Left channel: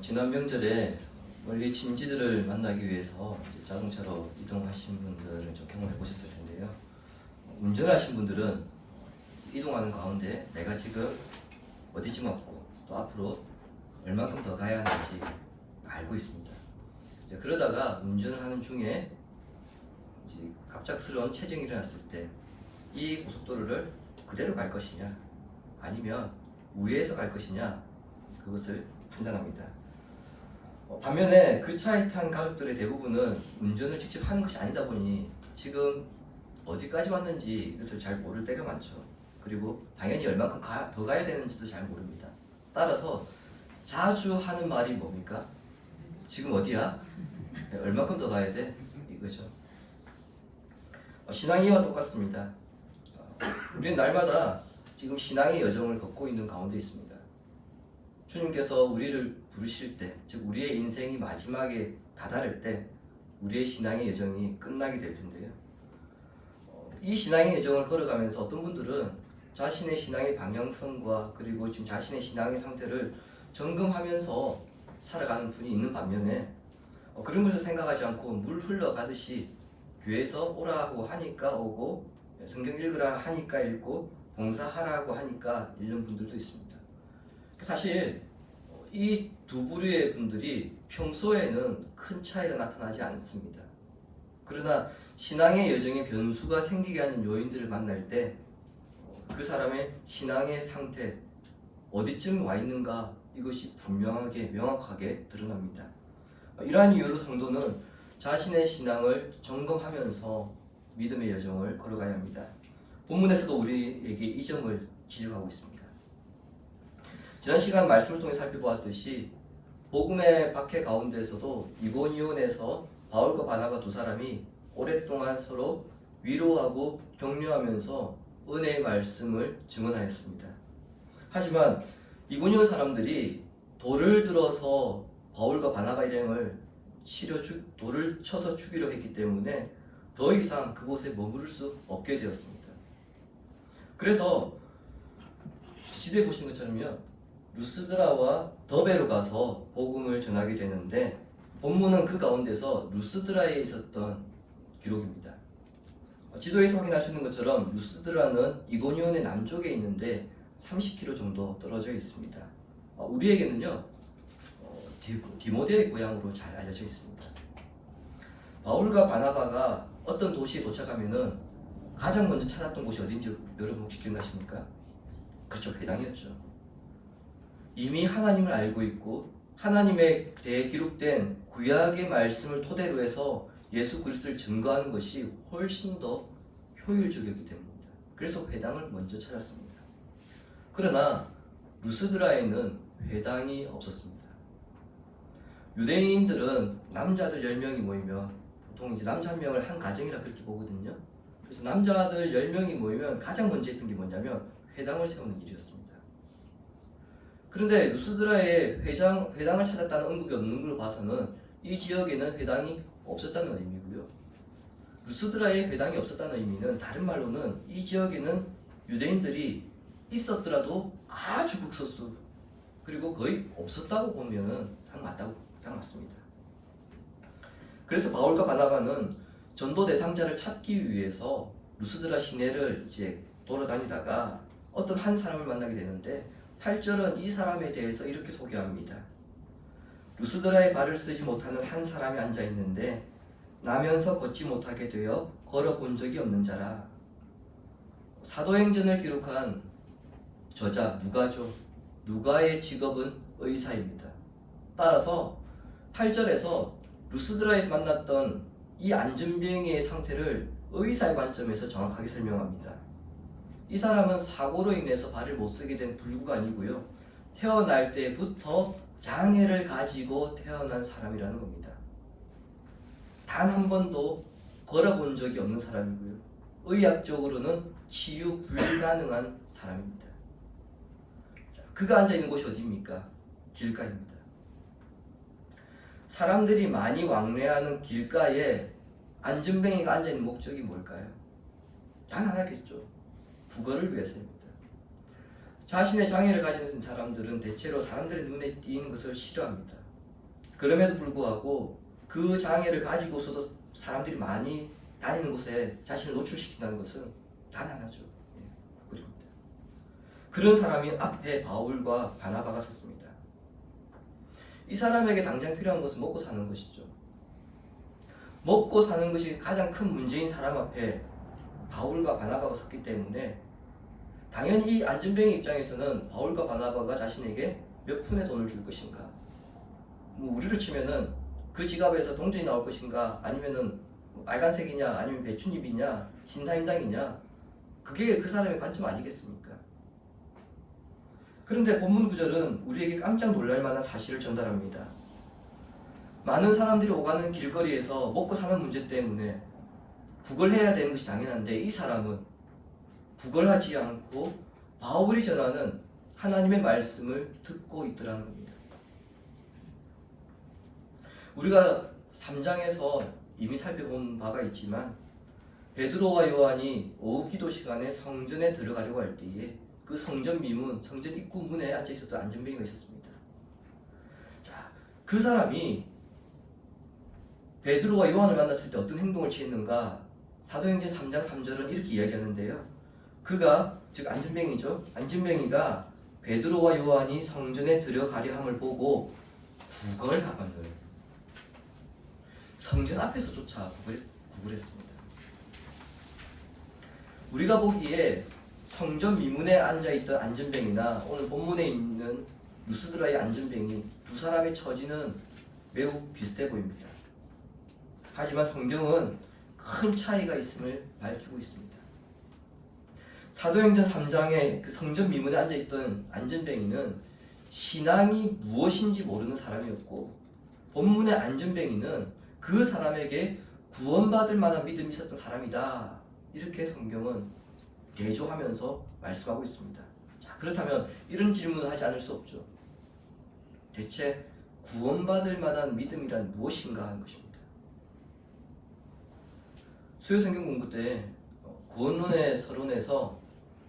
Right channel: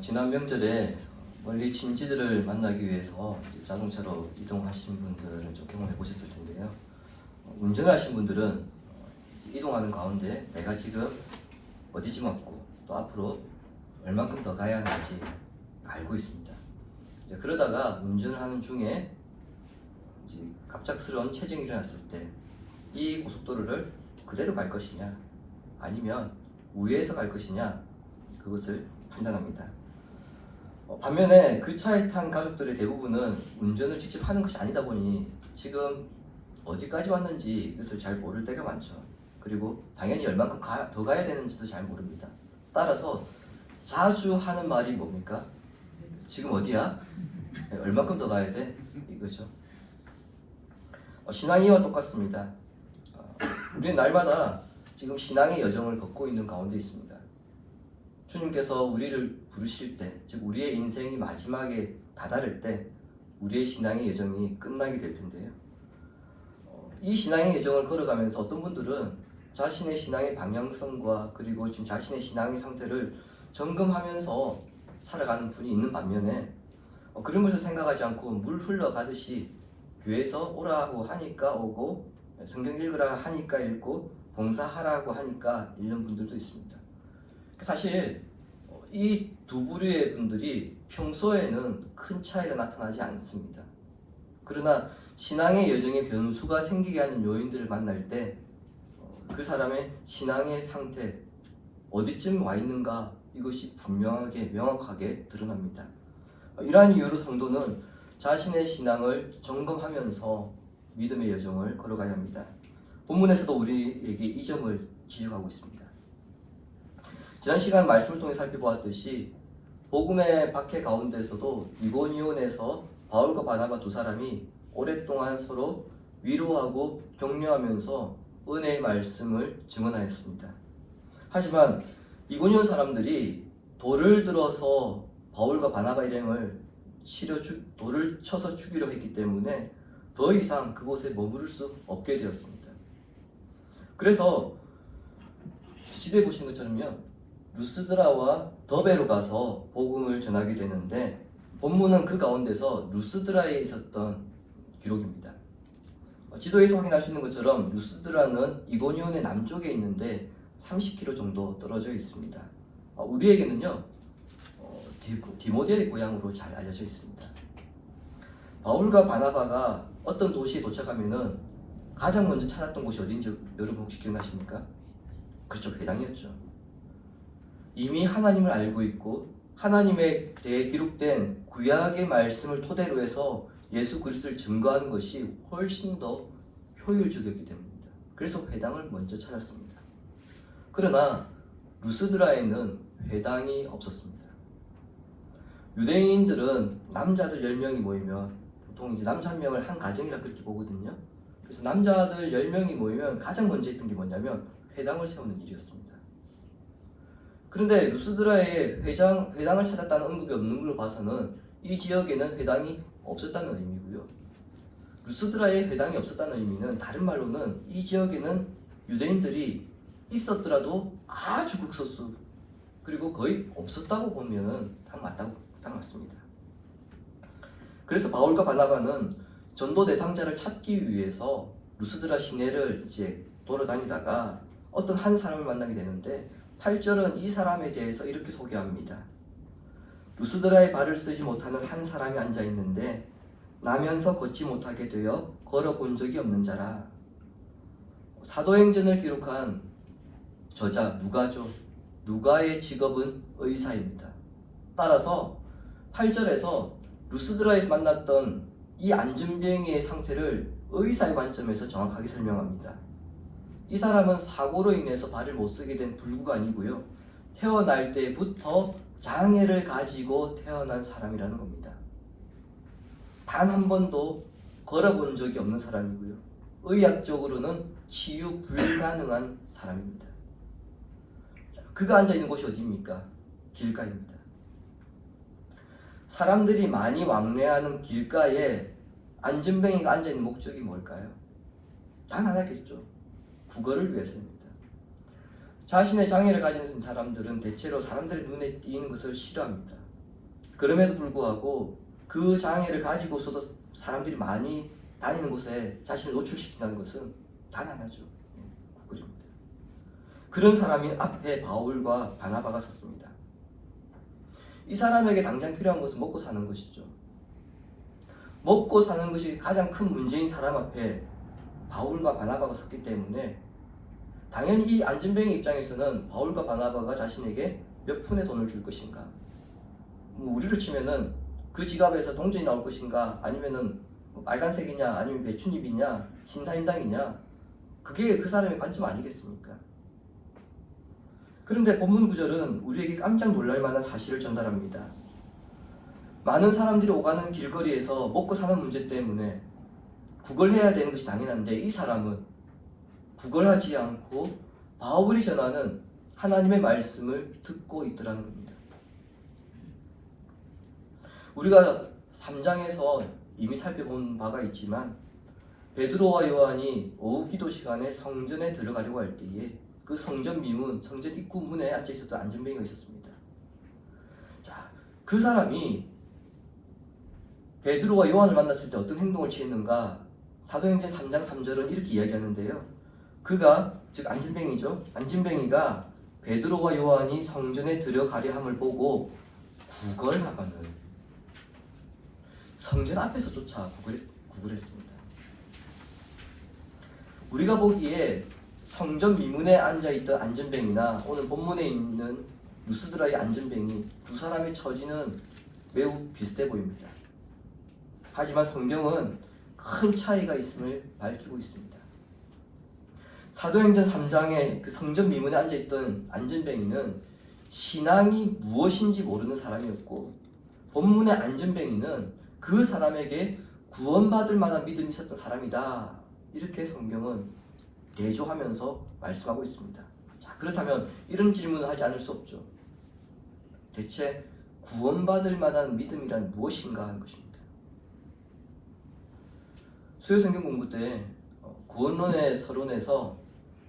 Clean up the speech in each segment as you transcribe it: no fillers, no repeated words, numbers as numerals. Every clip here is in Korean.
지난 명절에 멀리 친지들을 만나기 위해서 이제 자동차로 이동하신 분들은 좀 경험해 보셨을 텐데요. 운전하신 분들은 이동하는 가운데 내가 지금 어디쯤 왔고 또 앞으로 얼만큼 더 가야 하는지 알고 있습니다. 이제 그러다가 운전을 하는 중에 이제 갑작스러운 체증이 일어났을 때 이 고속도로를 그대로 갈 것이냐 아니면 우회해서 갈 것이냐 그것을 판단합니다. 반면에 그 차에 탄 가족들의 대부분은 운전을 직접 하는 것이 아니다 보니 지금 어디까지 왔는지 이것을 잘 모를 때가 많죠. 그리고 당연히 얼만큼 더 가야 되는지도 잘 모릅니다. 따라서 자주 하는 말이 뭡니까? 지금 어디야? 얼만큼 더 가야 돼? 이거죠. 신앙이와 똑같습니다. 우리는 날마다 지금 신앙의 여정을 걷고 있는 가운데 있습니다. 주님께서 우리를 부르실 때, 즉 우리의 인생이 마지막에 다다를 때 우리의 신앙의 여정이 끝나게 될 텐데요. 이 신앙의 여정을 걸어가면서 어떤 분들은 자신의 신앙의 방향성과 그리고 지금 자신의 신앙의 상태를 점검하면서 살아가는 분이 있는 반면에 그런 것을 생각하지 않고 물 흘러가듯이 교회에서 오라고 하니까 오고 성경 읽으라 하니까 읽고 봉사하라고 하니까 읽는 분들도 있습니다. 사실 이 두 부류의 분들이 평소에는 큰 차이가 나타나지 않습니다. 그러나 신앙의 여정에 변수가 생기게 하는 요인들을 만날 때 그 사람의 신앙의 상태, 어디쯤 와 있는가 이것이 분명하게 명확하게 드러납니다. 이러한 이유로 성도는 자신의 신앙을 점검하면서 믿음의 여정을 걸어가야 합니다. 본문에서도 우리에게 이 점을 지적하고 있습니다. 지난 시간 말씀을 통해 살펴보았듯이 복음의 박해 가운데서도 이고니온에서 바울과 바나바 두 사람이 오랫동안 서로 위로하고 격려하면서 은혜의 말씀을 증언하였습니다. 하지만 이고니온 사람들이 돌을 들어서 바울과 바나바 일행을 돌을 쳐서 죽이려 했기 때문에 더 이상 그곳에 머무를 수 없게 되었습니다. 그래서 지도에 보시는 것처럼요, 루스드라와 더베로 가서 복음을 전하게 되는데 본문은 그 가운데서 루스드라에 있었던 기록입니다. 지도에서 확인할 수 있는 것처럼 루스드라는 이고니온의 남쪽에 있는데 30km 정도 떨어져 있습니다. 우리에게는요 디모데의 고향으로 잘 알려져 있습니다. 바울과 바나바가 어떤 도시에 도착하면은 가장 먼저 찾았던 곳이 어딘지 여러분 혹시 기억나십니까? 그렇죠, 회당이었죠. 이미 하나님을 알고 있고 하나님에 대해 기록된 구약의 말씀을 토대로 해서 예수 그리스도를 증거하는 것이 훨씬 더 효율적이었기 때문입니다. 그래서 회당을 먼저 찾았습니다. 그러나 루스드라에는 회당이 없었습니다. 유대인들은 남자들 10명이 모이면 보통 이제 남자 한 명을 한 가정이라 그렇게 보거든요. 그래서 남자들 10명이 모이면 가장 먼저 했던 게 뭐냐면 회당을 세우는 일이었습니다. 그런데 루스드라에 회당을 찾았다는 언급이 없는 걸 봐서는 이 지역에는 회당이 없었다는 의미고요. 루스드라에 회당이 없었다는 의미는 다른 말로는 이 지역에는 유대인들이 있었더라도 아주 극소수 그리고 거의 없었다고 보면 딱 맞습니다. 그래서 바울과 바나바는 전도 대상자를 찾기 위해서 루스드라 시내를 이제 돌아다니다가 어떤 한 사람을 만나게 되는데 8절은 이 사람에 대해서 이렇게 소개합니다. 루스드라에 발을 쓰지 못하는 한 사람이 앉아 있는데 나면서 걷지 못하게 되어 걸어본 적이 없는 자라. 사도행전을 기록한 저자 누가죠. 누가의 직업은 의사입니다. 따라서 8절에서 루스드라에서 만났던 이 안전병의 상태를 의사의 관점에서 정확하게 설명합니다. 이 사람은 사고로 인해서 발을 못 쓰게 된 불구가 아니고요, 태어날 때부터 장애를 가지고 태어난 사람이라는 겁니다. 단 한 번도 걸어본 적이 없는 사람이고요, 의학적으로는 치유 불가능한 사람입니다. 그가 앉아있는 곳이 어디입니까? 길가입니다. 사람들이 많이 왕래하는 길가에 안전뱅이가 앉아있는 목적이 뭘까요? 단 하나겠죠. 구걸을 위해서입니다. 자신의 장애를 가진 사람들은 대체로 사람들의 눈에 띄는 것을 싫어합니다. 그럼에도 불구하고 그 장애를 가지고서도 사람들이 많이 다니는 곳에 자신을 노출시킨다는 것은 단 하나죠. 구걸입니다. 그런 사람이 앞에 바울과 바나바가 섰습니다. 이 사람에게 당장 필요한 것은 먹고 사는 것이죠. 먹고 사는 것이 가장 큰 문제인 사람 앞에 바울과 바나바가 섰기 때문에 당연히 이 안전뱅이 입장에서는 바울과 바나바가 자신에게 몇 푼의 돈을 줄 것인가, 우리로 치면은 그 지갑에서 동전이 나올 것인가, 아니면은 빨간색이냐, 아니면 배춧잎이냐, 신사임당이냐, 그게 그 사람의 관점 아니겠습니까? 그런데 본문 구절은 우리에게 깜짝 놀랄 만한 사실을 전달합니다. 많은 사람들이 오가는 길거리에서 먹고 사는 문제 때문에 구걸해야 되는 것이 당연한데 이 사람은 구걸하지 않고 바울이 전하는 하나님의 말씀을 듣고 있더라는 겁니다. 우리가 3장에서 이미 살펴본 바가 있지만 베드로와 요한이 오후 기도 시간에 성전에 들어가려고 할 때에 그 성전 미문, 성전 입구 문에 앉아 있었던 안전뱅이가 있었습니다. 자, 그 사람이 베드로와 요한을 만났을 때 어떤 행동을 취했는가? 사도행전 3장 3절은 이렇게 이야기하는데요. 그가, 즉 안전뱅이죠. 안전뱅이가 베드로와 요한이 성전에 들어가려 함을 보고 구걸하거늘 성전 앞에서조차 구걸했습니다. 우리가 보기에 성전 미문에 앉아있던 안전뱅이나 오늘 본문에 있는 루스드라의 안전뱅이 두 사람의 처지는 매우 비슷해 보입니다. 하지만 성경은 큰 차이가 있음을 밝히고 있습니다. 사도행전 3장에 그 성전 미문에 앉아있던 안전뱅이는 신앙이 무엇인지 모르는 사람이었고, 본문의 안전뱅이는 그 사람에게 구원받을 만한 믿음이 있었던 사람이다, 이렇게 성경은 대조하면서 말씀하고 있습니다. 자, 그렇다면 이런 질문을 하지 않을 수 없죠. 대체 구원받을 만한 믿음이란 무엇인가 하는 것입니다. 수요 성경 공부 때 구원론의 서론에서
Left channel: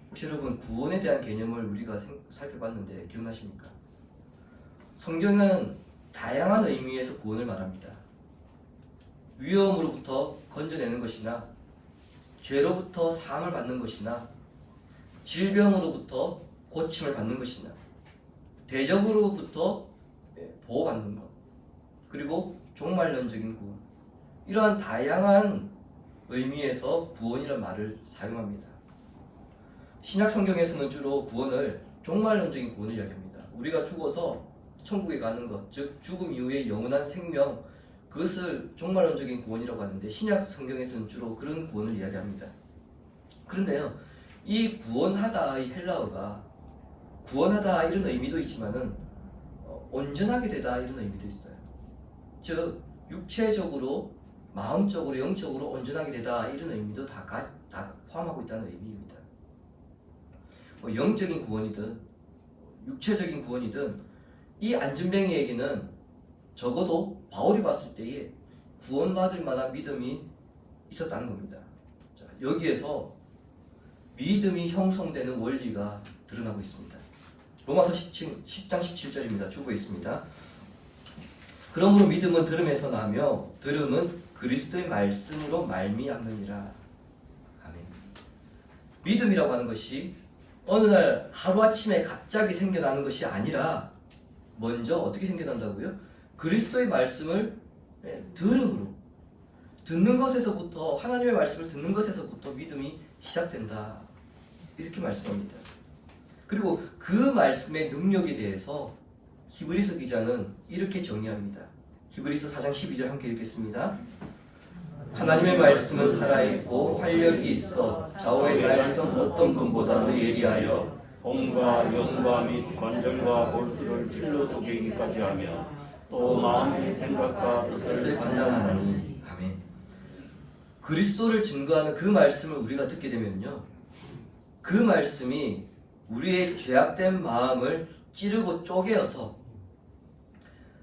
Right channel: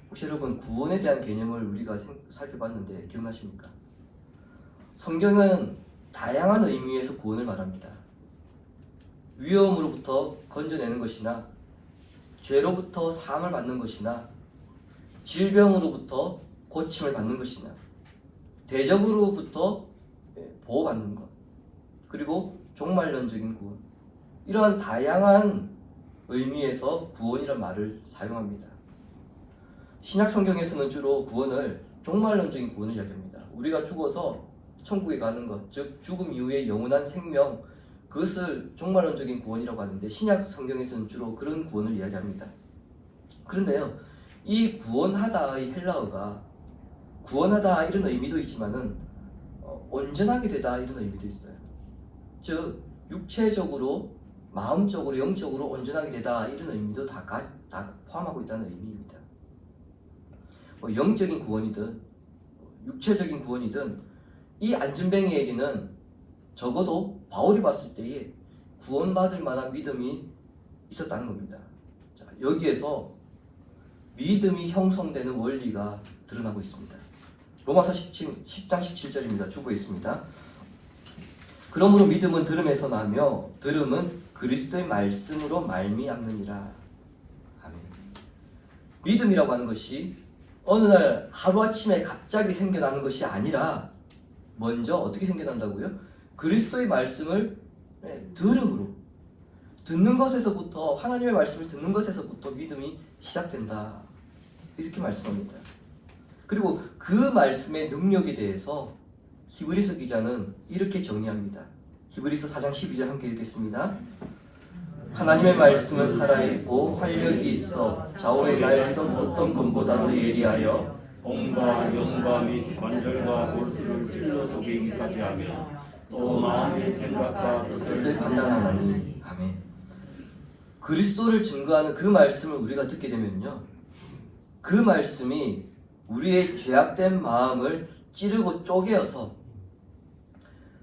혹시 여러분 구원에 대한 개념을 우리가 살펴봤는데 기억나십니까? 성경은 다양한 의미에서 구원을 말합니다. 위험으로부터 건져내는 것이나, 죄로부터 사함을 받는 것이나, 질병으로부터 고침을 받는 것이나, 대적으로부터 보호받는 것, 그리고 종말론적인 구원, 이러한 다양한 의미에서 구원이란 말을 사용합니다. 신약 성경에서는 주로 구원을 종말론적인 구원을 이야기합니다. 우리가 죽어서 천국에 가는 것, 즉 죽음 이후의 영원한 생명, 그것을 종말론적인 구원이라고 하는데 신약 성경에서는 주로 그런 구원을 이야기합니다. 그런데요, 이 구원하다의 헬라어가 구원하다 이런 의미도 있지만은 온전하게 되다 이런 의미도 있어요. 즉 육체적으로, 마음적으로, 영적으로 온전하게 되다 이런 의미도 다 포함하고 있다는 의미입니다. 영적인 구원이든 육체적인 구원이든 이 안전뱅이에게는 적어도 바울이 봤을 때에 구원받을 만한 믿음이 있었다는 겁니다. 자, 여기에서 믿음이 형성되는 원리가 드러나고 있습니다. 로마서 10장 17절입니다. 주고 있습니다. 그러므로 믿음은 들음에서 나며 들음은 그리스도의 말씀으로 말미암느니라. 아멘. 믿음이라고 하는 것이 어느 날 하루아침에 갑자기 생겨나는 것이 아니라 먼저 어떻게 생겨난다고요? 그리스도의 말씀을 들음으로, 듣는 것에서부터, 하나님의 말씀을 듣는 것에서부터 믿음이 시작된다, 이렇게 말씀합니다. 그리고 그 말씀의 능력에 대해서 히브리서 기자는 이렇게 정의합니다. 히브리서 4장 12절 함께 읽겠습니다. 하나님의 말씀은 살아있고 활력이 있어 좌우의 날선 어떤 검보다도 예리하여 몸과 영과 및 관절과 골수를 찔러 쪼개기까지 하며 또 마음의 생각과 뜻을 판단하나니. 아멘. 그리스도를 증거하는 그 말씀을 우리가 듣게 되면요, 그 말씀이 우리의 죄악된 마음을 찌르고 쪼개어서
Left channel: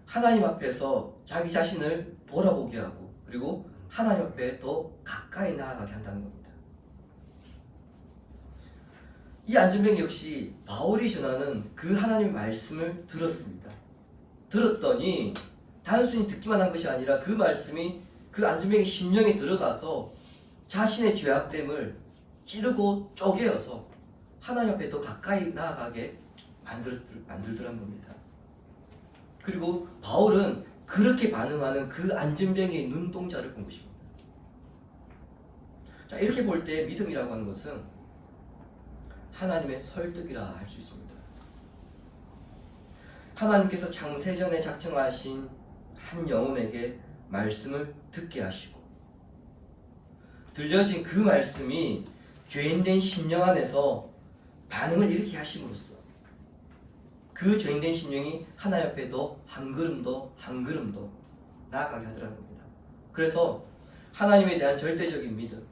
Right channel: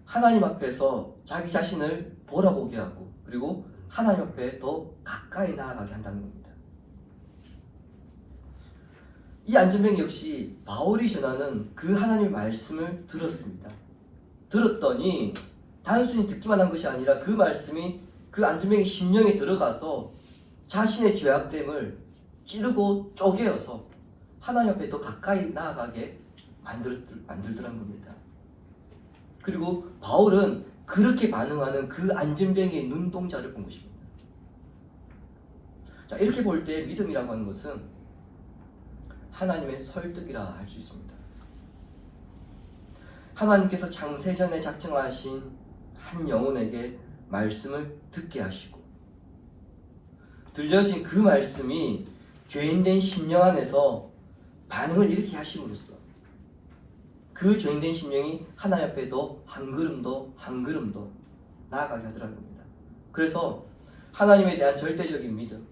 하나님 앞에서 자기 자신을 돌아보게 하고, 그리고 하나님 앞에 더 가까이 나아가게 한다는 겁니다. 이 안전뱅이 역시 바울이 전하는 그 하나님의 말씀을 들었습니다. 들었더니 단순히 듣기만 한 것이 아니라 그 말씀이 그 안전병의 심령에 들어가서 자신의 죄악됨을 찌르고 쪼개어서 하나님 앞에 더 가까이 나아가게 만들더란 겁니다. 그리고 바울은 그렇게 반응하는 그 안전병의 눈동자를 본 것입니다. 자, 이렇게 볼 때 믿음이라고 하는 것은 하나님의 설득이라 할 수 있습니다. 하나님께서 창세전에 작정하신 한 영혼에게 말씀을 듣게 하시고 들려진 그 말씀이 죄인된 심령 안에서 반응을 일으키게 하심으로써 그 죄인된 심령이 하나님 앞에 더 한 걸음 더 나아가게 하더라는 겁니다. 그래서 하나님에 대한 절대적인 믿음,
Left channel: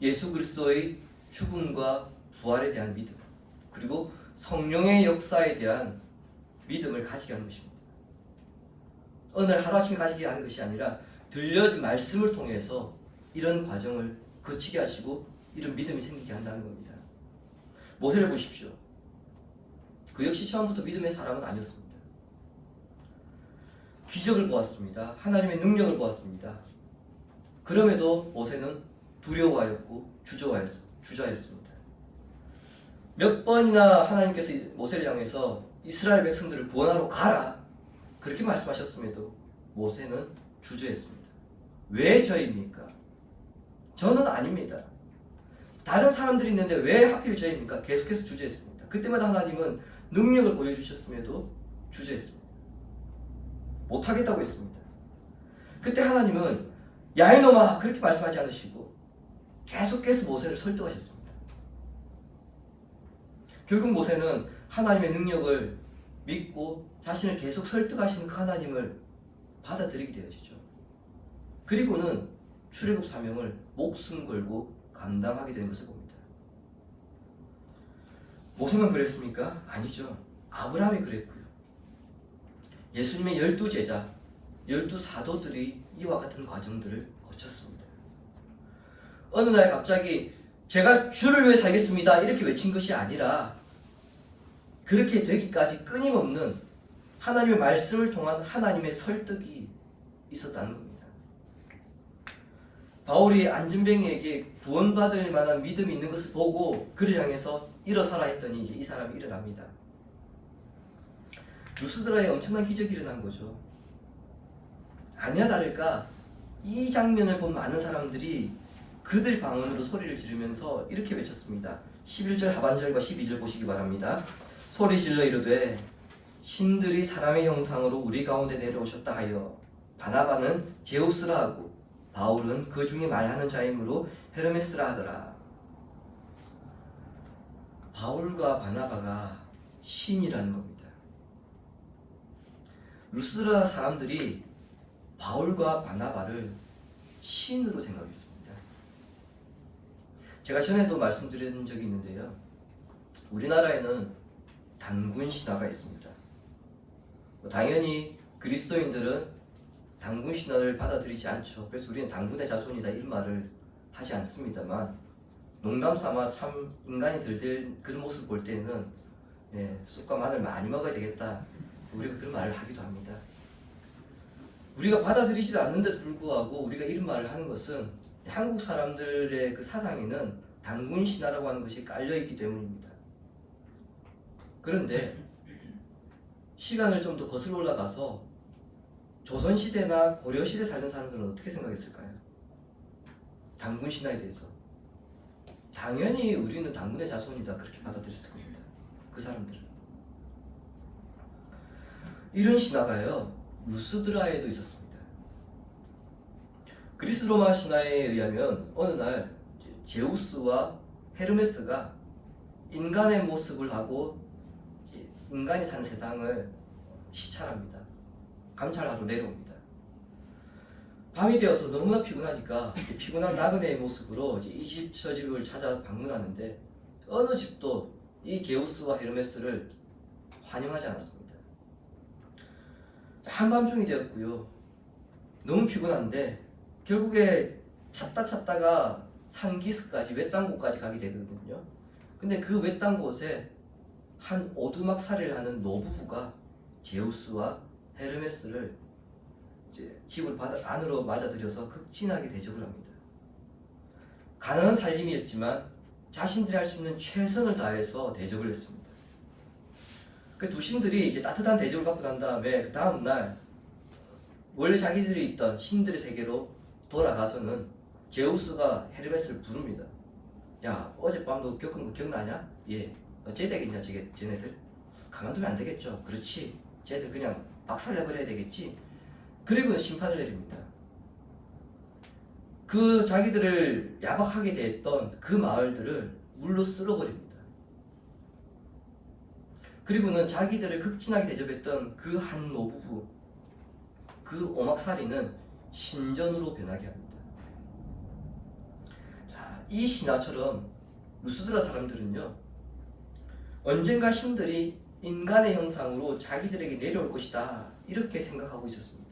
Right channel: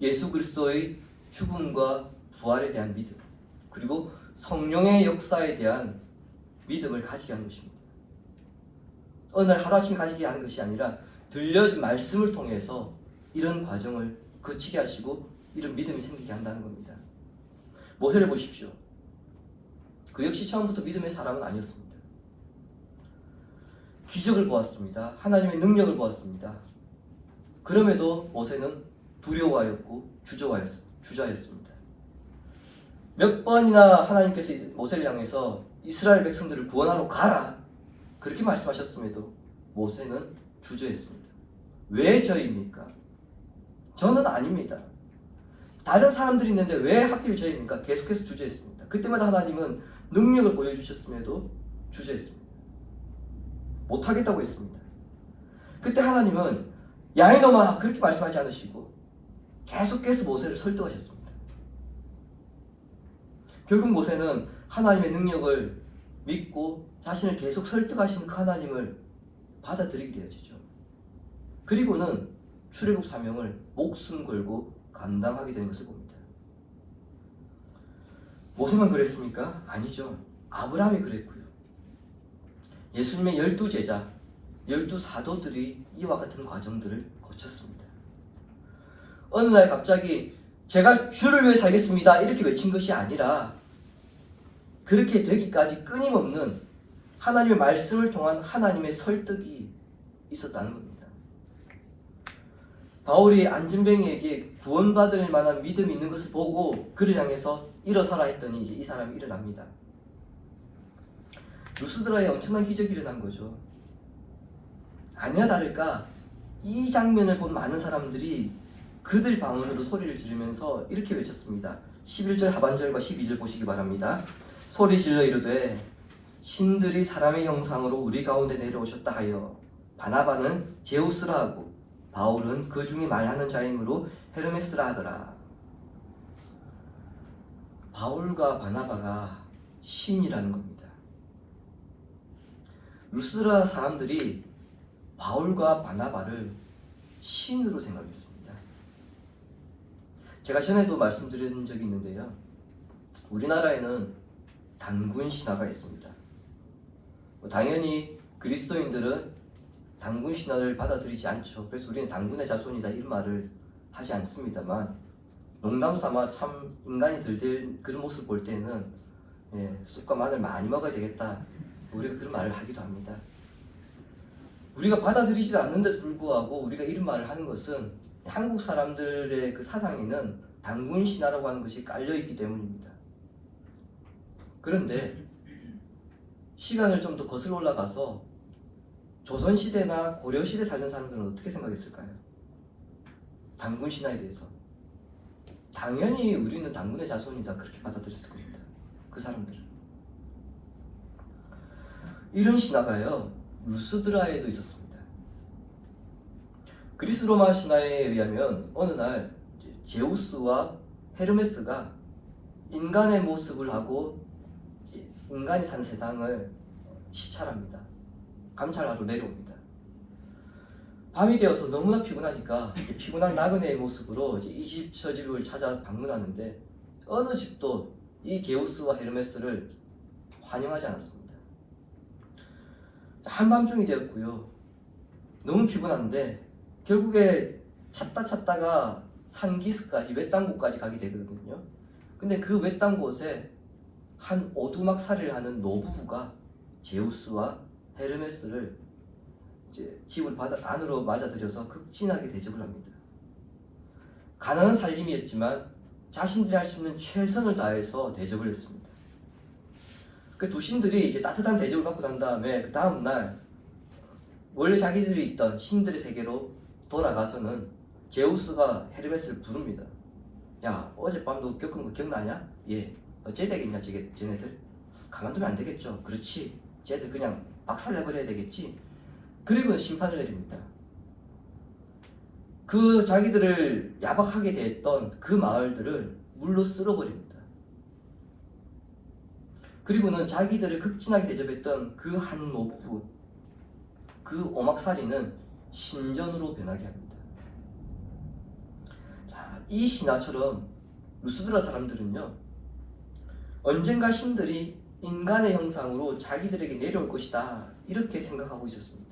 예수 그리스도의 죽음과 부활에 대한 믿음, 그리고 성령의 역사에 대한 믿음을 가지게 하는 것입니다. 어느 날 하루아침에 가지게 하는 것이 아니라 들려진 말씀을 통해서 이런 과정을 거치게 하시고 이런 믿음이 생기게 한다는 겁니다. 모세를 보십시오. 그 역시 처음부터 믿음의 사람은 아니었습니다. 기적을 보았습니다. 하나님의 능력을 보았습니다. 그럼에도 모세는 두려워하였고 주저하였습니다. 몇 번이나 하나님께서 모세를 향해서 이스라엘 백성들을 구원하러 가라 그렇게 말씀하셨음에도 모세는 주저했습니다. 왜 저입니까? 저는 아닙니다. 다른 사람들이 있는데 왜 하필 저입니까? 계속해서 주저했습니다. 그때마다 하나님은 능력을 보여주셨음에도 주저했습니다. 못하겠다고 했습니다. 그때 하나님은 야 이놈아 그렇게 말씀하지 않으시고 계속해서 모세를 설득하셨습니다. 결국 모세는 하나님의 능력을 믿고 자신을 계속 설득하시는 그 하나님을 받아들이게 되어지죠. 그리고는 출애굽 사명을 목숨 걸고 감당하게 된 것을 봅니다. 모세만 그랬습니까? 아니죠. 아브라함이 그랬고요. 예수님의 12제자, 12사도들이 이와 같은 과정들을 거쳤습니다. 어느 날 갑자기 제가 주를 위해 살겠습니다 이렇게 외친 것이 아니라 그렇게 되기까지 끊임없는 하나님의 말씀을 통한 하나님의 설득이 있었다는 겁니다. 바울이 안전뱅이에게 구원받을 만한 믿음이 있는 것을 보고 그를 향해서 일어서라 했더니 이제 이 사람이 일어납니다. 루스드라에 엄청난 기적이 일어난 거죠. 아니나 다를까 이 장면을 본 많은 사람들이 그들 방언으로 소리를 지르면서 이렇게 외쳤습니다. 11절 하반절과 12절 보시기 바랍니다. 소리 질러 이르되 신들이 사람의 형상으로 우리 가운데 내려오셨다 하여 바나바는 제우스라 하고 바울은 그 중에 말하는 자이므로 헤르메스라 하더라. 바울과 바나바가 신이라는 겁니다. 루스드라 사람들이 바울과 바나바를 신으로 생각했습니다. 제가 전에도 말씀드린 적이 있는데요. 우리나라에는 단군 신화가 있습니다. 당연히 그리스도인들은 단군 신화를 받아들이지 않죠. 그래서 우리는 단군의 자손이다 이런 말을 하지 않습니다만 농담 삼아 참 인간이 들들 그런 모습 볼 때는 쑥과 마늘 많이 먹어야 되겠다 우리가 그런 말을 하기도 합니다. 우리가 받아들이지도 않는데도 불구하고 우리가 이런 말을 하는 것은 한국 사람들의 그 사상에는 단군 신화라고 하는 것이 깔려있기 때문입니다. 그런데 시간을 좀 더 거슬러 올라가서 조선시대나 고려시대 살던 사람들은 어떻게 생각했을까요? 단군 신화에 대해서 당연히 우리는 단군의 자손이다 그렇게 받아들였을 겁니다. 그 사람들은 이런 신화가요 루스드라에도 있었습니다. 그리스 로마 신화에 의하면 어느 날 제우스와 헤르메스가 인간의 모습을 하고 인간이 사는 세상을 시찰합니다. 감찰하러 내려옵니다. 밤이 되어서 너무나 피곤하니까 피곤한 나그네의 모습으로 이 집 저 집을 찾아 방문하는데 어느 집도 이 제우스와 헤르메스를 환영하지 않았습니다. 한밤중이 되었고요. 너무 피곤한데 결국에 찾다가 산기슭까지 외딴 곳까지 가게 되거든요. 근데 그 외딴 곳에 한 오두막살이를 하는 노부부가 제우스와 헤르메스를 이제 집을 안으로 맞아들여서 극진하게 대접을 합니다. 가난한 살림이었지만 자신들이 할 수 있는 최선을 다해서 대접을 했습니다. 그 두 신들이 이제 따뜻한 대접을 받고 난 다음에 그 다음 날 원래 자기들이 있던 신들의 세계로 돌아가서는 제우스가 헤르메스를 부릅니다. 야, 어젯밤 너 겪은 거 기억나냐? 예. 어째 되겠냐, 쟤네들? 가만두면 안 되겠죠. 그렇지. 쟤들 그냥 박살내버려야 되겠지. 그리고는 심판을 내립니다. 그 자기들을 야박하게 대했던 그 마을들을 물로 쓸어버립니다. 그리고는 자기들을 극진하게 대접했던 그 한 노부, 그 오막살이는 신전으로 변하게 합니다. 자, 이 신화처럼 루스드라 사람들은요, 언젠가 신들이 인간의 형상으로 자기들에게 내려올 것이다, 이렇게 생각하고 있었습니다.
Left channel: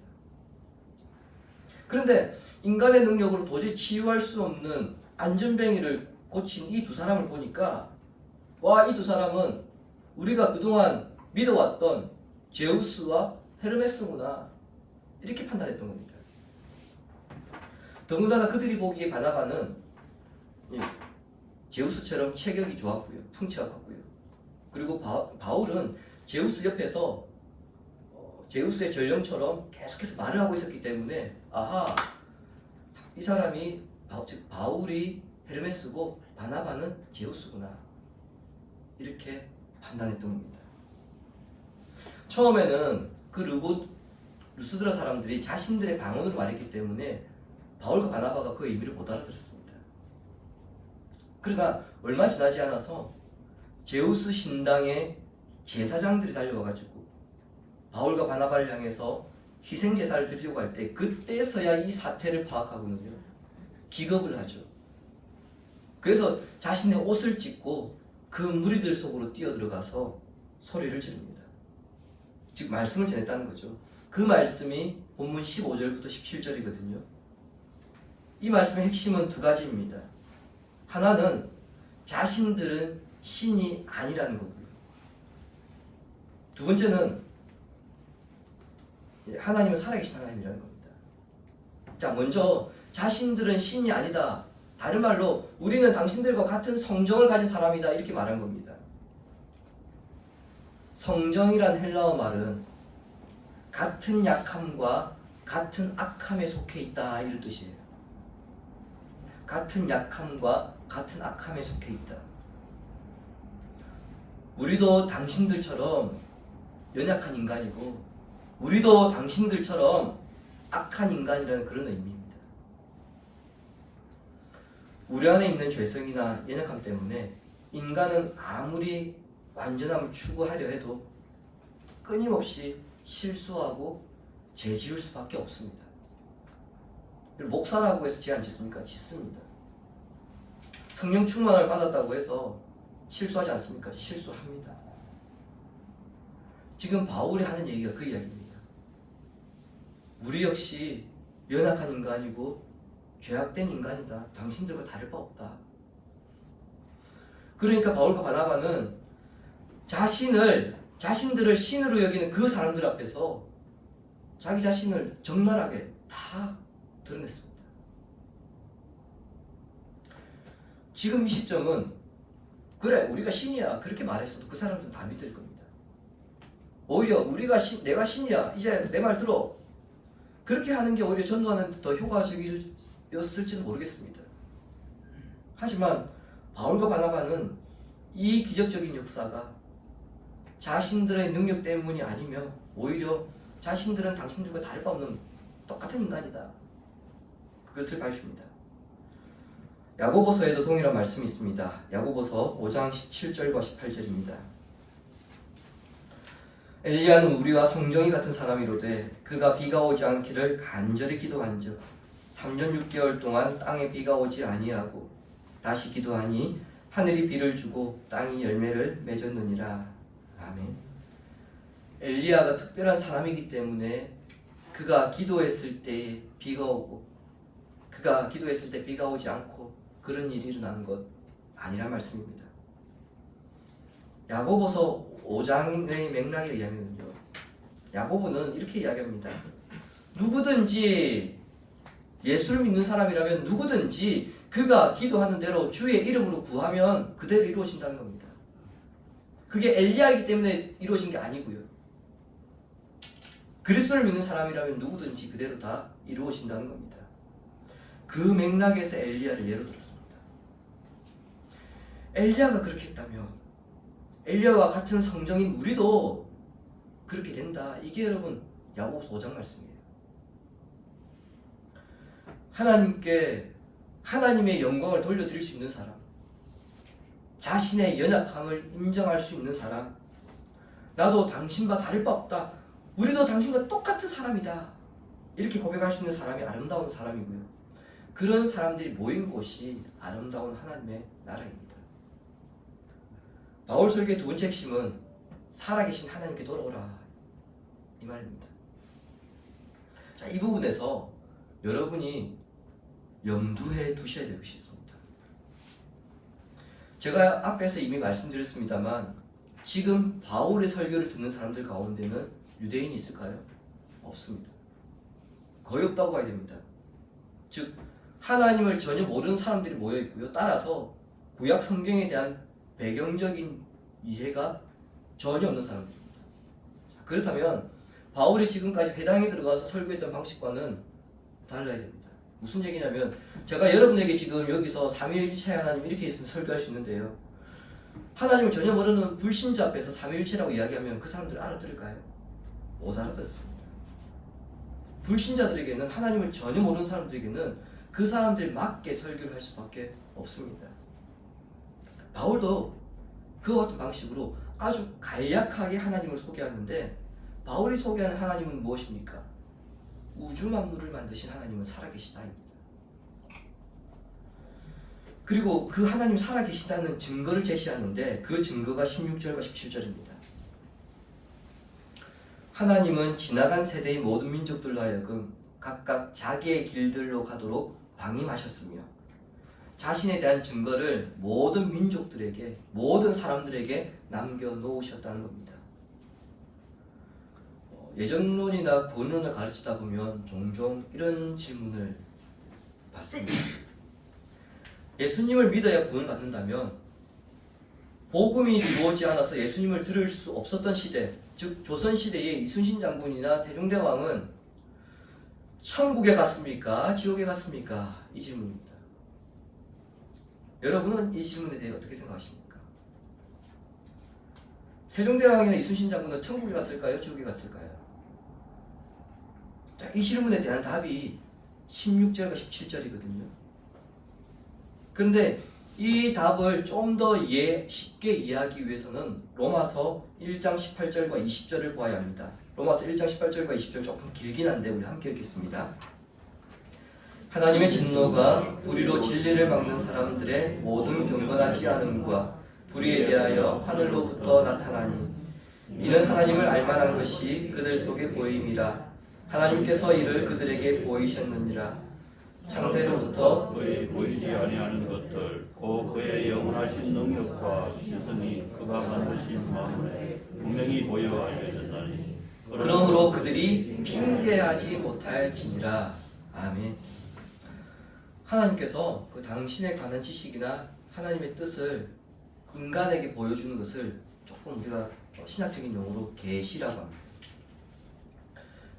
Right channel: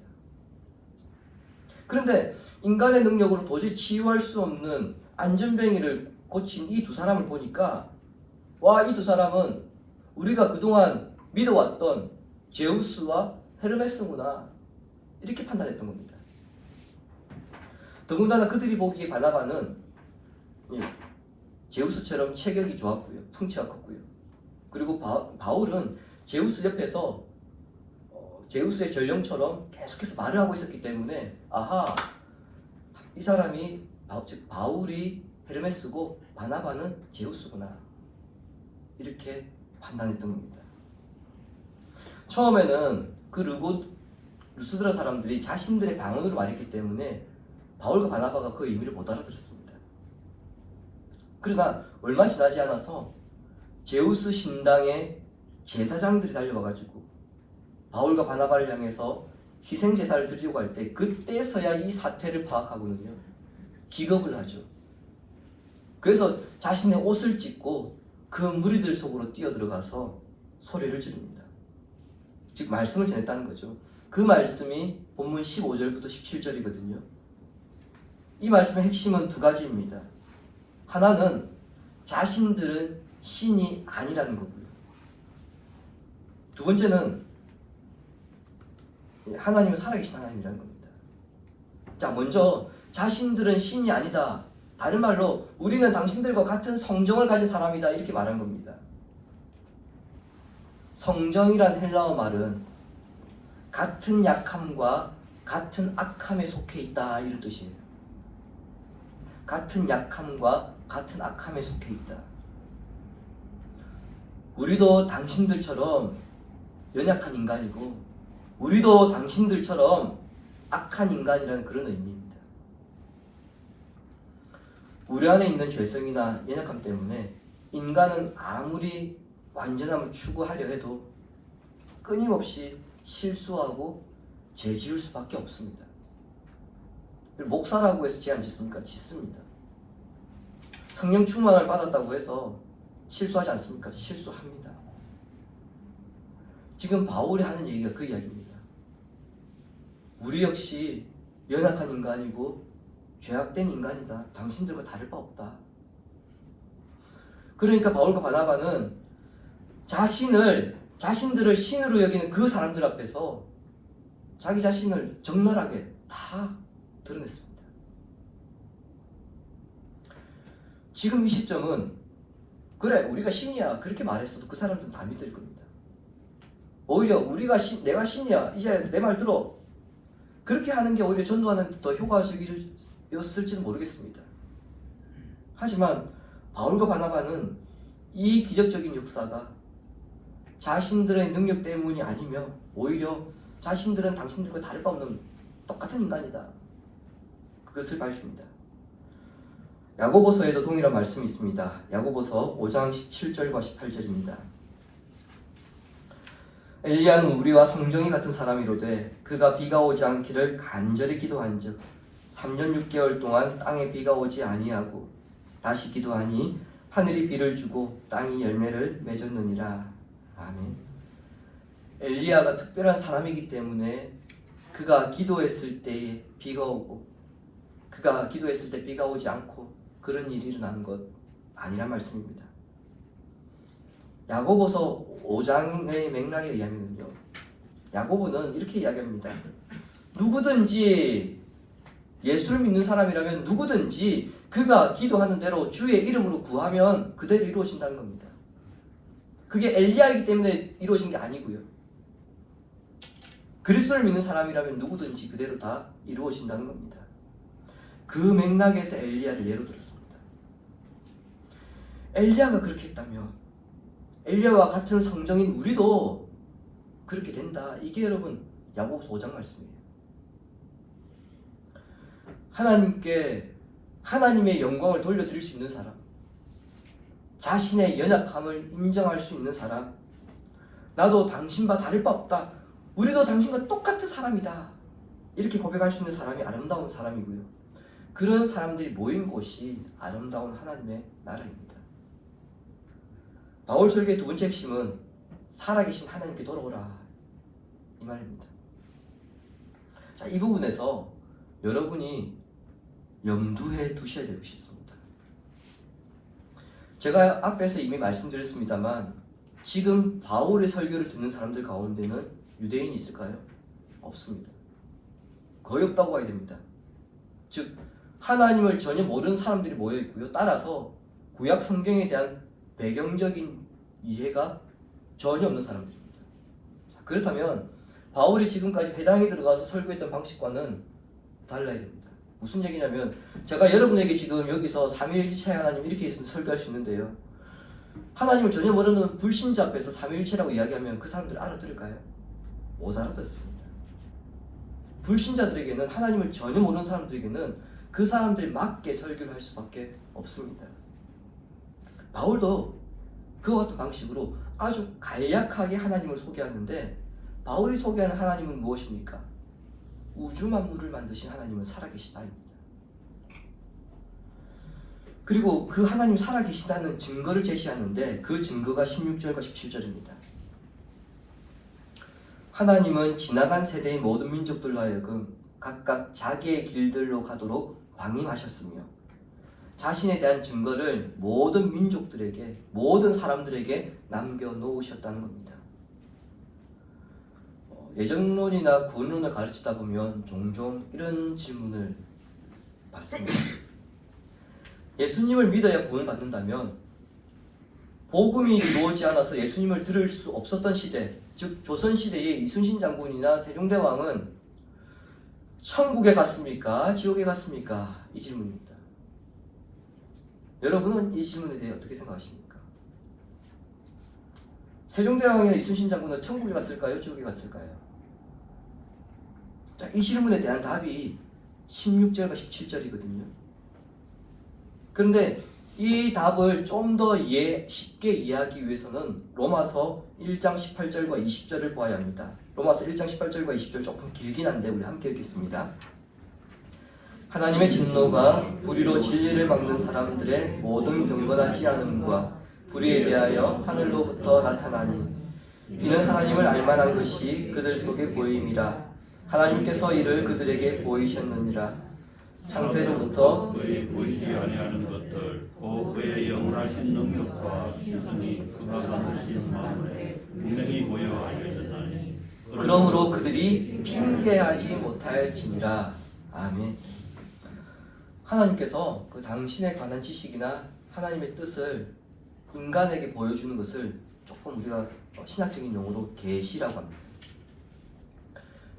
그런데 인간의 능력으로 도저히 치유할 수 없는 안전뱅이를 고친 이 두 사람을 보니까, 와, 이 두 사람은 우리가 그동안 믿어왔던 제우스와 헤르메스구나, 이렇게 판단했던 겁니다. 더군다나 그들이 보기에 바나바는 제우스처럼 체격이 좋았고요, 풍채가 컸고요. 그리고 바울은 제우스 옆에서 제우스의 전령처럼 계속해서 말을 하고 있었기 때문에, 아하, 이 사람이 즉 바울이 헤르메스고 바나바는 제우스구나, 이렇게 판단했던 겁니다. 처음에는 그 루스드라 사람들이 자신들의 방언으로 말했기 때문에 바울과 바나바가 그 의미를 못 알아들었습니다. 그러나 얼마 지나지 않아서 제우스 신당의 제사장들이 달려와가지고 바울과 바나바를 향해서 희생제사를 드리려고 할 때, 그때서야 이 사태를 파악하고는요, 기겁을 하죠. 그래서 자신의 옷을 찢고 그 무리들 속으로 뛰어들어가서 소리를 지릅니다. 즉 말씀을 전했다는 거죠. 그 말씀이 본문 15절부터 17절이거든요. 이 말씀의 핵심은 두 가지입니다. 하나는 자신들은 신이 아니라는 거고요. 두 번째는 하나님은 살아계신 하나님이라는 겁니다. 자, 먼저 자신들은 신이 아니다, 다른 말로 우리는 당신들과 같은 성정을 가진 사람이다, 이렇게 말한 겁니다. 성정이란 헬라어 말은 같은 약함과 같은 악함에 속해 있다, 이런 뜻이에요. 같은 약함과 같은 악함에 속해 있다. 우리도 당신들처럼 연약한 인간이고, 우리도 당신들처럼 악한 인간이라는 그런 의미입니다. 우리 안에 있는 죄성이나 연약함 때문에 인간은 아무리 완전함을 추구하려 해도 끊임없이 실수하고 죄 지을 수밖에 없습니다. 목사라고 해서 죄 안 짓습니까? 짓습니다. 성령 충만을 받았다고 해서 실수하지 않습니까? 실수합니다. 지금 바울이 하는 얘기가 그 이야기입니다. 우리 역시 연약한 인간이고 죄악된 인간이다. 당신들과 다를 바 없다. 그러니까 바울과 바나바는 자신들을 신으로 여기는 그 사람들 앞에서 자기 자신을 적나라하게 다 드러냈습니다. 지금 이 시점은, 그래, 우리가 신이야, 그렇게 말했어도 그 사람들은 다 믿을 겁니다. 오히려 내가 신이야, 이제 내 말 들어, 그렇게 하는 게 오히려 전도하는 데 더 효과적이었을지는 모르겠습니다. 하지만 바울과 바나바는 이 기적적인 역사가 자신들의 능력 때문이 아니며 오히려 자신들은 당신들과 다를 바 없는 똑같은 인간이다, 그것을 밝힙니다. 야고보서에도 동일한 말씀이 있습니다. 야고보서 5장 17절과 18절입니다. 엘리야는 우리와 성정이 같은 사람이로되 그가 비가 오지 않기를 간절히 기도한즉 3년 6개월 동안 땅에 비가 오지 아니하고 다시 기도하니 하늘이 비를 주고 땅이 열매를 맺었느니라. 아멘. 엘리야가 특별한 사람이기 때문에 그가 기도했을 때 비가 오고 그가 기도했을 때 비가 오지 않고 그런 일이 일어난 것 아니란 말씀입니다. 야고보서 5장의 맥락에 의하면요, 야고보는 이렇게 이야기합니다. 누구든지 예수를 믿는 사람이라면 누구든지 그가 기도하는 대로 주의 이름으로 구하면 그대로 이루어진다는 겁니다. 그게 엘리야이기 때문에 이루어진 게 아니고요. 그리스도를 믿는 사람이라면 누구든지 그대로 다 이루어진다는 겁니다. 그 맥락에서 엘리야를 예로 들었습니다. 엘리야가 그렇게 했다면 엘리야와 같은 성정인 우리도 그렇게 된다. 이게 여러분 야고보서 5장 말씀이에요. 하나님께 하나님의 영광을 돌려드릴 수 있는 사람, 자신의 연약함을 인정할 수 있는 사람, 나도 당신과 다를 바 없다, 우리도 당신과 똑같은 사람이다, 이렇게 고백할 수 있는 사람이 아름다운 사람이고요. 그런 사람들이 모인 곳이 아름다운 하나님의 나라입니다. 바울 설교의 두 번째 핵심은 살아계신 하나님께 돌아오라, 이 말입니다. 자, 이 부분에서 여러분이 염두에 두셔야 될 것이 있습니다. 제가 앞에서 이미 말씀드렸습니다만 지금 바울의 설교를 듣는 사람들 가운데는 유대인이 있을까요? 없습니다. 거의 없다고 봐야 됩니다. 즉 하나님을 전혀 모르는 사람들이 모여 있고요. 따라서 구약 성경에 대한 배경적인 이해가 전혀 없는 사람들입니다. 그렇다면 바울이 지금까지 회당에 들어가서 설교했던 방식과는 달라야 됩니다. 무슨 얘기냐면 제가 여러분에게 지금 여기서 삼위일체 하나님 이렇게 설교할 수 있는데요. 하나님을 전혀 모르는 불신자 앞에서 삼위일체라고 이야기하면 그 사람들 알아들을까요? 못 알아듣습니다. 불신자들에게는, 하나님을 전혀 모르는 사람들에게는 그 사람들 맞게 설교를 할 수밖에 없습니다. 바울도 그와 같은 방식으로 아주 간략하게 하나님을 소개하는데, 바울이 소개하는 하나님은 무엇입니까? 우주 만물을 만드신 하나님은 살아계시다입니다. 그리고 그 하나님 살아계시다는 증거를 제시하는데 그 증거가 16절과 17절입니다. 하나님은 지나간 세대의 모든 민족들로 하여금 각각 자기의 길들로 가도록 방임하셨으며 자신에 대한 증거를 모든 민족들에게, 모든 사람들에게 남겨놓으셨다는 겁니다. 예정론이나 구원론을 가르치다 보면 종종 이런 질문을 받습니다. 예수님을 믿어야 구원을 받는다면 복음이 이루어지지 않아서 예수님을 들을 수 없었던 시대, 즉 조선시대의 이순신 장군이나 세종대왕은 천국에 갔습니까? 지옥에 갔습니까? 이 질문입니다. 여러분은 이 질문에 대해 어떻게 생각하십니까? 세종대왕이나 이순신 장군은 천국에 갔을까요? 지옥에 갔을까요? 자, 이 질문에 대한 답이 16절과 17절이거든요. 그런데 이 답을 좀 더 쉽게 이해하기 위해서는 로마서 1장 18절과 20절을 보아야 합니다. 로마서 1장 18절과 20절 조금 길긴 한데 우리 함께 읽겠습니다. 하나님의 진노가 불의로 진리를 막는 사람들의 모든 경건하지 않음과 불의에 대하여 하늘로부터 나타나니 이는 하나님을 알만한 것이 그들 속에 보임이라. 하나님께서 이를 그들에게 보이셨느니라. 창세로부터 그의 보이지 아니하는 것들, 또 그의 영원하신 능력과 신성이 그가 만드신 만물에 분명히 보여 알려졌나니 그러므로 그들이 핑계하지 못할지니라. 아멘. 하나님께서 그 당신에 관한 지식이나 하나님의 뜻을 인간에게 보여주는 것을 조금 우리가 신학적인 용어로 계시라고 합니다.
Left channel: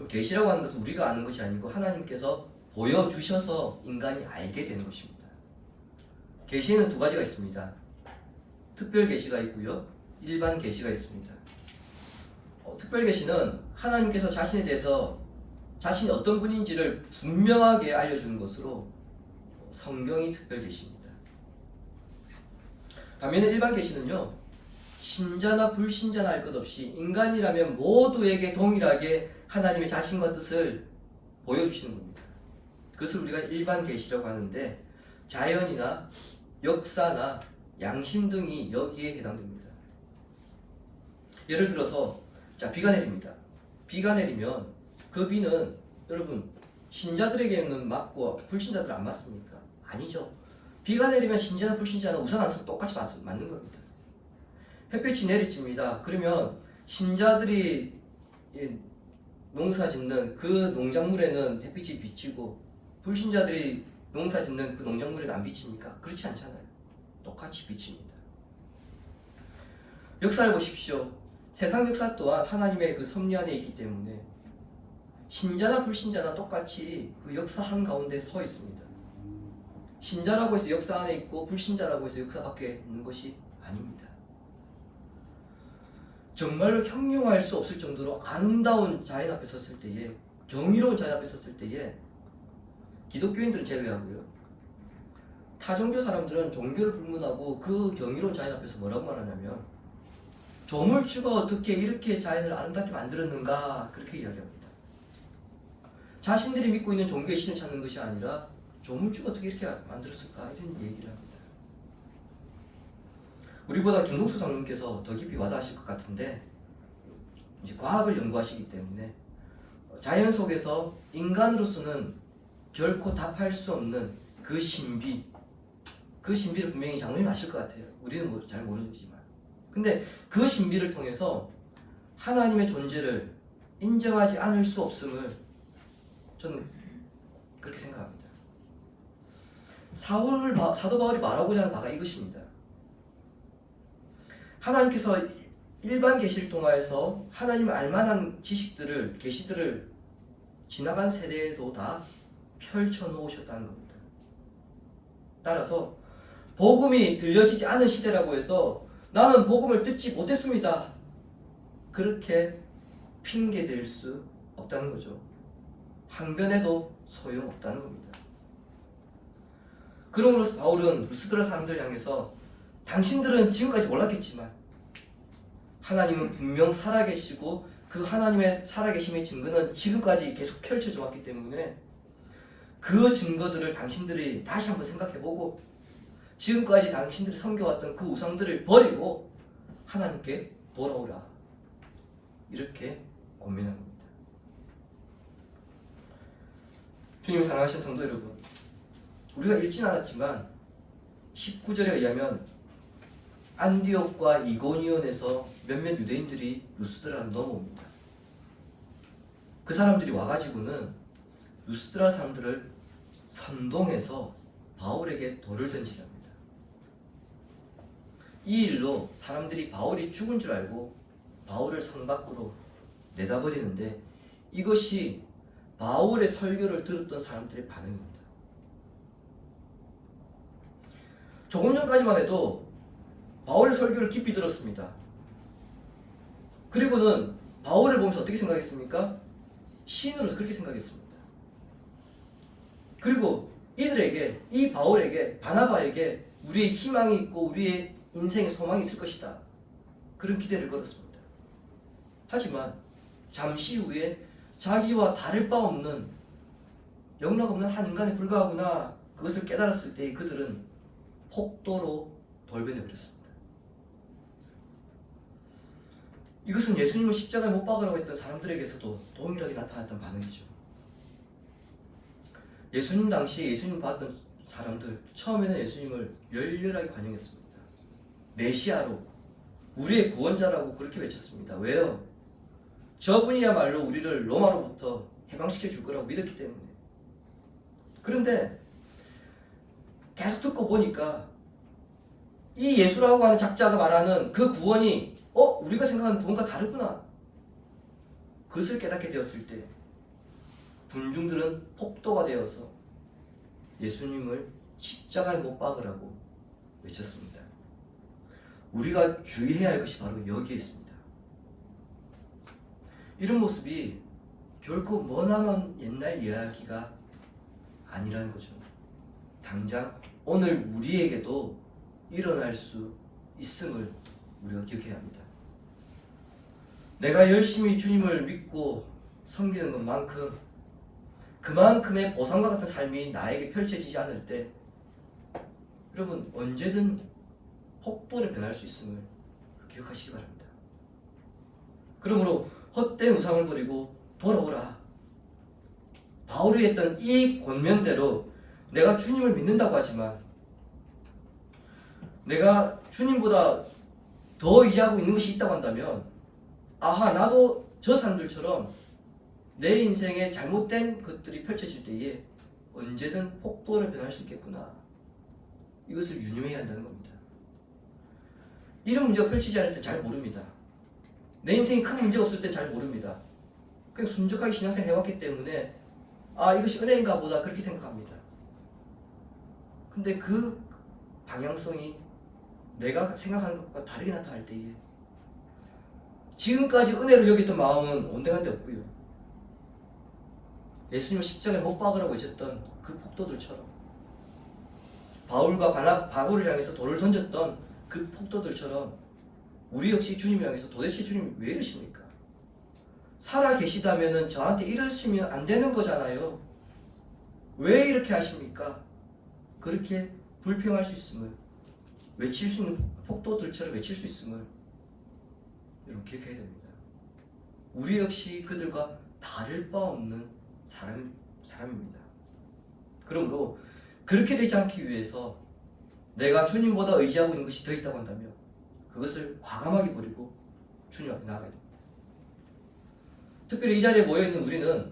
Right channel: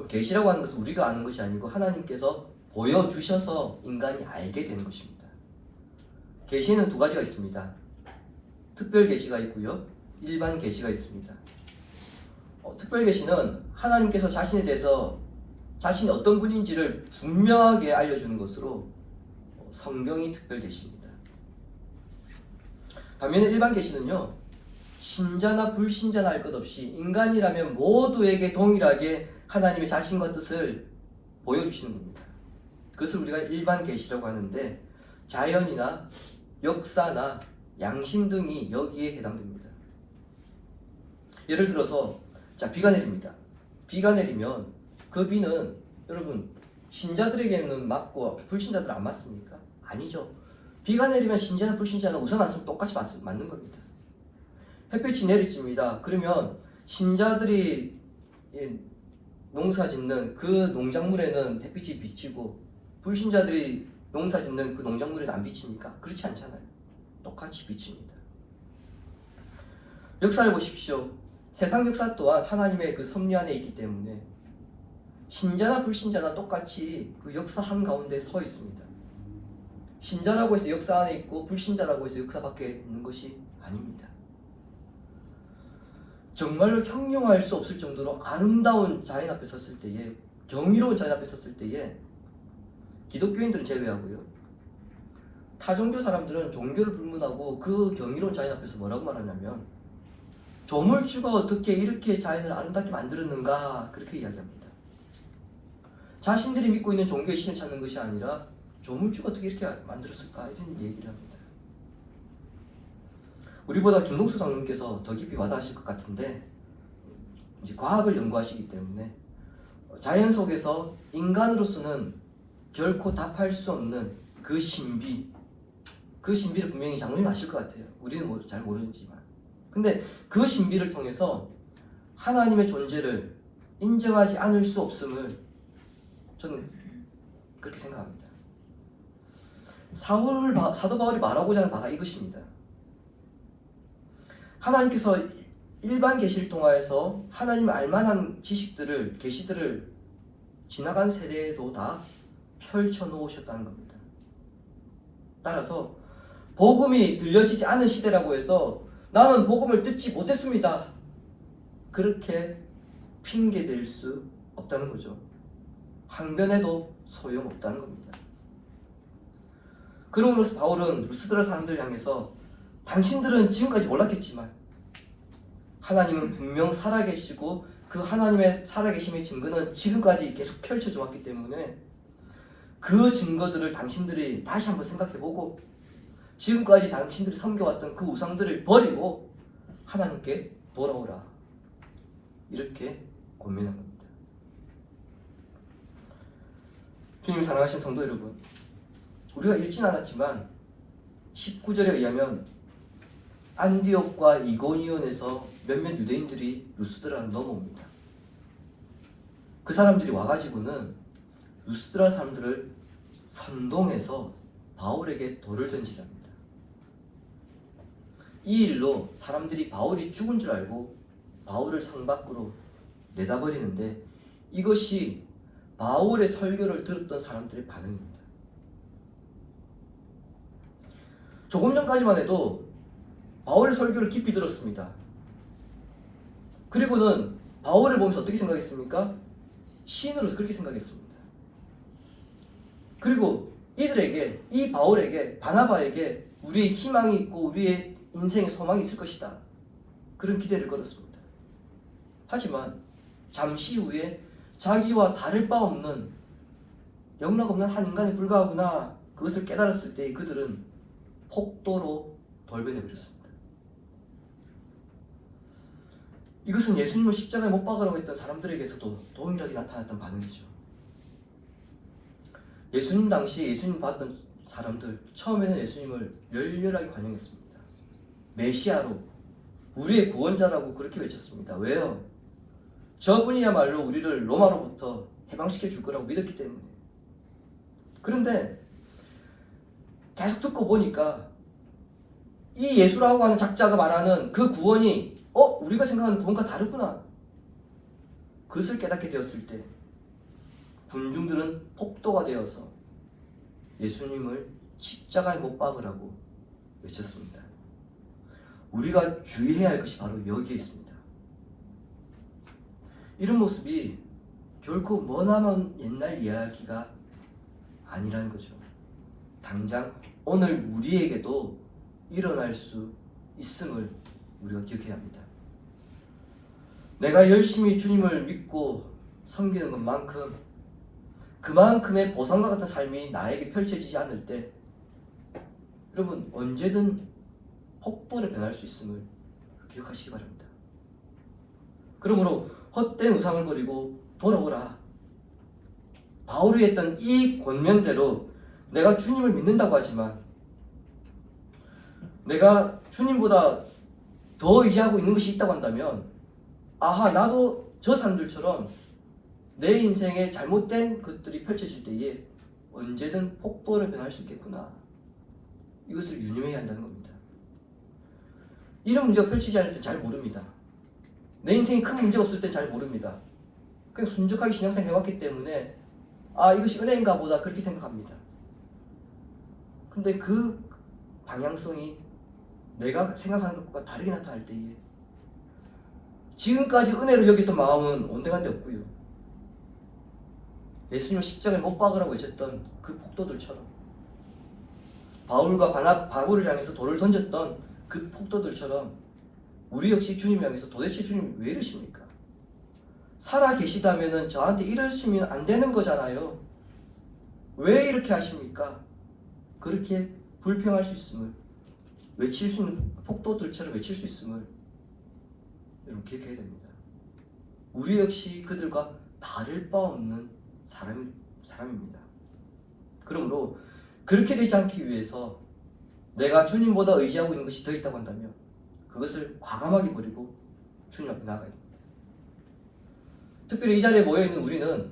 계시라고 하는 것은 우리가 아는 것이 아니고 하나님께서 보여주셔서 인간이 알게 되는 것입니다. 계시에는 두 가지가 있습니다. 특별 계시가 있고요, 일반 계시가 있습니다. 특별 계시는 하나님께서 자신에 대해서 자신이 어떤 분인지를 분명하게 알려주는 것으로 성경이 특별 계시입니다. 반면에 일반 계시는요, 신자나 불신자나 할 것 없이 인간이라면 모두에게 동일하게 하나님의 자신과 뜻을 보여주시는 겁니다. 그것을 우리가 일반 계시라고 하는데 자연이나 역사나 양심 등이 여기에 해당됩니다. 예를 들어서 비가 내립니다. 비가 내리면 그 비는 여러분 신자들에게는 맞고 불신자들은 안 맞습니까? 아니죠. 비가 내리면 신자나 불신자는 우산 안 쓰면 똑같이 맞는 겁니다. 햇빛이 내리칩니다. 그러면 신자들이 농사 짓는 그 농작물에는 햇빛이 비치고 불신자들이 농사 짓는 그 농작물에는 안 비칩니까? 그렇지 않잖아요. 똑같이 비칩니다. 역사를 보십시오. 세상 역사 또한 하나님의 그 섭리 안에 있기 때문에 신자나 불신자나 똑같이 그 역사 한가운데 서 있습니다. 신자라고 해서 역사 안에 있고 불신자라고 해서 역사 밖에 있는 것이 아닙니다. 정말로 형용할 수 없을 정도로 아름다운 자연 앞에 섰을 때에, 경이로운 자연 앞에 섰을 때에 기독교인들은 제외하고요, 타종교 사람들은 종교를 불문하고 그 경이로운 자연 앞에서 뭐라고 말하냐면 조물주가 어떻게 이렇게 자연을 아름답게 만들었는가, 그렇게 이야기합니다. 자신들이 믿고 있는 종교의 신을 찾는 것이 아니라 조물주가 어떻게 이렇게 만들었을까, 이런 얘기를 합니다. 우리보다 김동수 장로님께서 더 깊이 와닿으실 것 같은데, 이제 과학을 연구하시기 때문에 자연 속에서 인간으로서는 결코 답할 수 없는 그 신비, 그 신비를 분명히 장로님 아실 것 같아요. 우리는 잘 모르지만. 근데 그 신비를 통해서 하나님의 존재를 인정하지 않을 수 없음을 저는 그렇게 생각합니다. 사도 바울이 말하고자 하는 바가 이것입니다. 하나님께서 일반 계시를 통하여서 하나님을 알만한 지식들을, 계시들을 지나간 세대에도 다 펼쳐놓으셨다는 겁니다. 따라서 복음이 들려지지 않은 시대라고 해서 나는 복음을 듣지 못했습니다, 그렇게 핑계댈 수 없다는 거죠. 항변해도 소용없다는 겁니다. 그러므로 바울은 루스드라 사람들을 향해서 당신들은 지금까지 몰랐겠지만 하나님은 분명 살아계시고 그 하나님의 살아계심의 증거는 지금까지 계속 펼쳐져 왔기 때문에 그 증거들을 당신들이 다시 한번 생각해보고 지금까지 당신들이 섬겨왔던 그 우상들을 버리고 하나님께 돌아오라, 이렇게 권면한 겁니다. 주님 사랑하신 성도 여러분, 우리가 읽진 않았지만 19절에 의하면 안디옥과 이고니온에서 몇몇 유대인들이 루스드라로 넘어옵니다. 그 사람들이 와가지고는 루스드라 사람들을 선동해서 바울에게 돌을 던지게 합니다. 이 일로 사람들이 바울이 죽은 줄 알고 바울을 성 밖으로 내다버리는데, 이것이 바울의 설교를 들었던 사람들의 반응입니다. 조금 전까지만 해도 바울의 설교를 깊이 들었습니다. 그리고는 바울을 보면서 어떻게 생각했습니까? 시인으로 그렇게 생각했습니다. 그리고 이들에게, 이 바울에게, 바나바에게 우리의 희망이 있고 우리의 인생의 소망이 있을 것이다, 그런 기대를 걸었습니다. 하지만 잠시 후에 자기와 다를 바 없는 영락없는 한 인간에 불과하구나, 그것을 깨달았을 때 그들은 폭도로 돌변해버렸습니다. 이것은 예수님을 십자가에 못 박으라고 했던 사람들에게서도 동일하게 나타났던 반응이죠. 예수님 당시에 예수님 봤던 사람들, 처음에는 예수님을 열렬하게 환영했습니다. 메시아로, 우리의 구원자라고 그렇게 외쳤습니다. 왜요? 저분이야말로 우리를 로마로부터 해방시켜 줄 거라고 믿었기 때문에. 그런데 계속 듣고 보니까 이 예수라고 하는 작자가 말하는 그 구원이 우리가 생각하는 구원과 다르구나, 그것을 깨닫게 되었을 때 군중들은 폭도가 되어서 예수님을 십자가에 못 박으라고 외쳤습니다. 우리가 주의해야 할 것이 바로 여기에 있습니다. 이런 모습이 결코 머나먼 옛날 이야기가 아니라는 거죠. 당장 오늘 우리에게도 일어날 수 있음을 우리가 기억해야 합니다. 내가 열심히 주님을 믿고 섬기는 것만큼 그만큼의 보상과 같은 삶이 나에게 펼쳐지지 않을 때 여러분 언제든 폭도로 변할 수 있음을 기억하시기 바랍니다. 그러므로 헛된 우상을 버리고 돌아오라. 바울이 했던 이 권면대로 내가 주님을 믿는다고 하지만 내가 주님보다 더 의지하고 있는 것이 있다고 한다면 아하, 나도 저 사람들처럼 내 인생에 잘못된 것들이 펼쳐질 때에 언제든 폭도로 변할 수 있겠구나. 이것을 유념해야 한다는 겁니다. 이런 문제가 펼치지 않을 때 잘 모릅니다. 내 인생이 큰 문제가 없을 땐 잘 모릅니다. 그냥 순적하게 신앙생활 해왔기 때문에 이것이 은혜인가 보다 그렇게 생각합니다. 근데 그 방향성이 내가 생각하는 것과 다르게 나타날 때에 지금까지 은혜로 여겼던 마음은 온데간데 없고요. 예수님을 십자가에 못 박으라고 외쳤던 그 폭도들처럼, 바울과 바울을 향해서 돌을 던졌던 그 폭도들처럼 우리 역시 주님을 향해서 도대체 주님 왜 이러십니까? 살아 계시다면 저한테 이러시면 안 되는 거잖아요. 왜 이렇게 하십니까? 그렇게 불평할 수 있음을, 외칠 수 있는 폭도들처럼 외칠 수 있음을 여러분 기억해야 됩니다. 우리 역시 그들과 다를 바 없는 사람입니다. 그러므로 그렇게 되지 않기 위해서 내가 주님보다 의지하고 있는 것이 더 있다고 한다면 그것을 과감하게 버리고 주님 앞에 나아가야 됩니다. 특별히 이 자리에 모여있는 우리는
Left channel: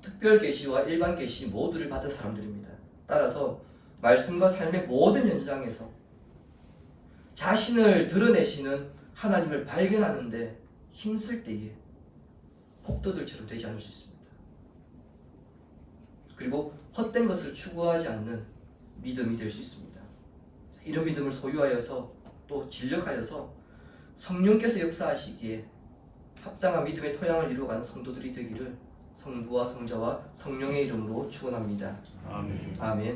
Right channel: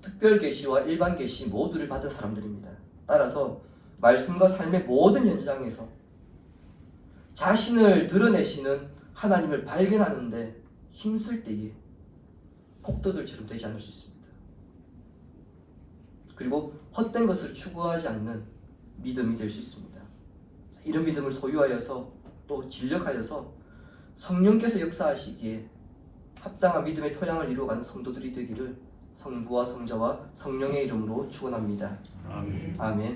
특별 계시와 일반 계시 모두를 받은 사람들입니다. 따라서 말씀과 삶의 모든 현장에서 자신을 드러내시는 하나님을 발견하는데 힘쓸 때에 폭도들처럼 되지 않을 수 있습니다. 그리고 헛된 것을 추구하지 않는 믿음이 될 수 있습니다. 이런 믿음을 소유하여서 또 진력하여서 성령께서 역사하시기에 합당한 믿음의 토양을 이루어가는 성도들이 되기를 성부와 성자와 성령의 이름으로 축원합니다. 아멘. 아멘.